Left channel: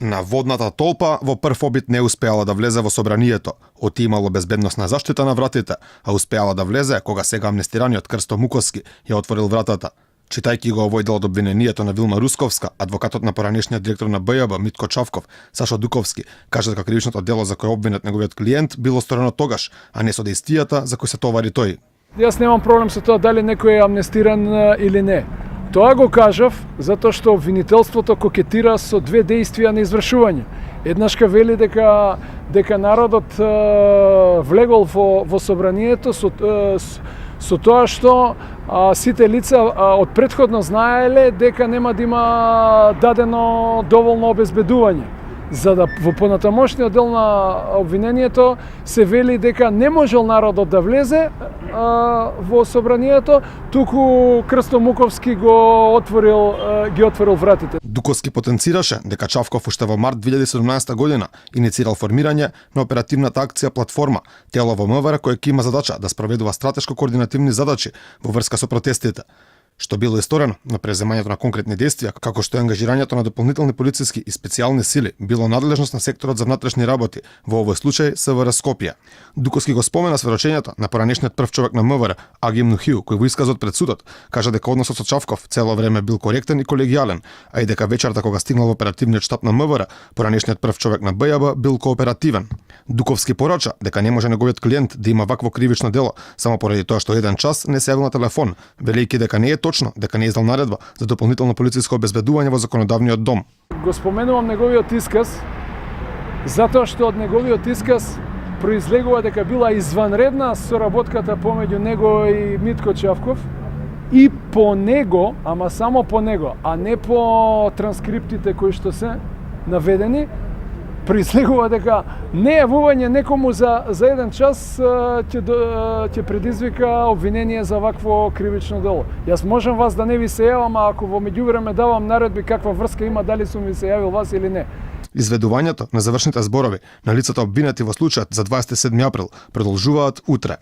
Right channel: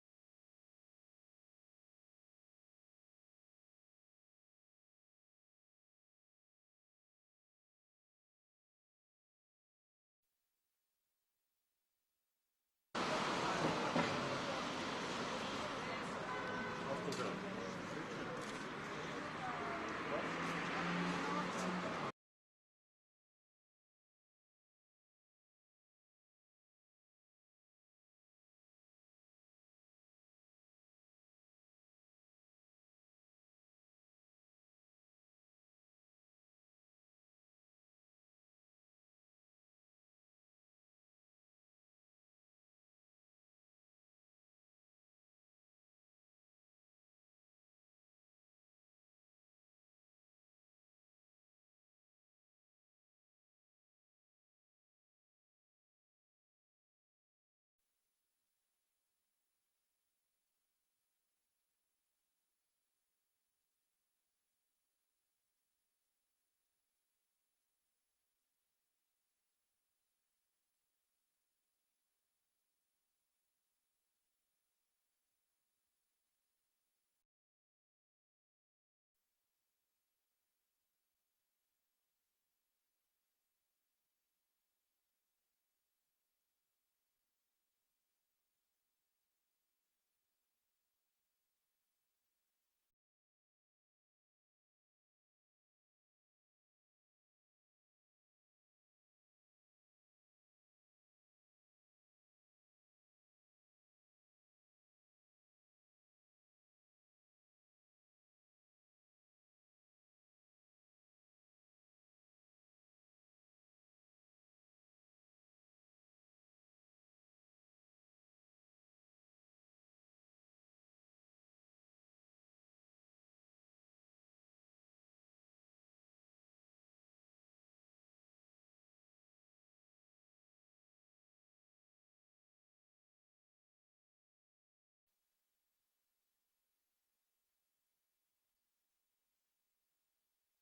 На водната толпа во прв обид не успеала да влезе во собранието. Отимало безбедносна заштита на вратите, а успеала да влезе кога сега амнестираниот Крсто Муковски ја отворил вратата. Читајќи го овој дел од обвинението на Вилма Русковска, адвокатот на поранешниот директор на БЈБ Митко Чавков, Сашо Дуковски, кажа дека кривичното дело за кој обвинет неговиот клиент било сторено тогаш, а не со дејствијата за кои се товари тој. Јас немам проблем со тоа дали некој е амнестиран или не. Тоа го кажав затоа што обвинителството кокетира со две дејствија на извршување. Еднашка вели дека народот влегол во собранието со тоа што сите лица од претходно знаеле дека нема да има дадено доволно обезбедување. За да во понатамошниот дел на обвинението се вели дека не можел народот да влезе во собранието, туку Крсто Муковски ги отворил вратите. Дуковски потенцираше дека Чавков уште во март 2017 година иницирал формирање на оперативната акција Платформа, тело во МВР кое ќе има задача да спроведува стратешко координативни задачи во врска со протестите, што било исторено на преземањето на конкретни действија, како што е ангажирањето на дополнителни полициски и специјални сили, било надлежност на секторот за внатрешни работи, во овој случај СВР Скопје. Дуковски го спомена сведочењето на поранешниот прв човек на МВР, Агим Нухиу, кој во исказот пред судот кажа дека односот со Чавков цело време бил коректен и колегијален, а и дека вечерта кога стигнал во оперативниот штаб на МВР, поранешниот прв човек на БЈБ бил кооперативен. Дуковски порача дека не може неговиот клиент да има вакво кривично дело само поради тоа што еден час не се јавил на телефон, велејќи дека не е точно дека не издал наредба за дополнително полициско обезбедување во законодавниот дом. Го споменувам неговиот исказ затоа што од неговиот исказ произлегува дека била изванредна соработката помеѓу него и Митко Чавков и по него, ама само по него, а не по транскриптите кои што се наведени, произлегува дека нејавување некому за еден час ќе предизвика обвинение за вакво кривично дело. Јас можам вас да не ви се јавам, а ако во меѓувреме давам наредби каква врска има, дали сум ви се јавил вас или не. Изведувањето на завршните зборови на лицата обвинети во случајот за 27 април продолжуваат утре.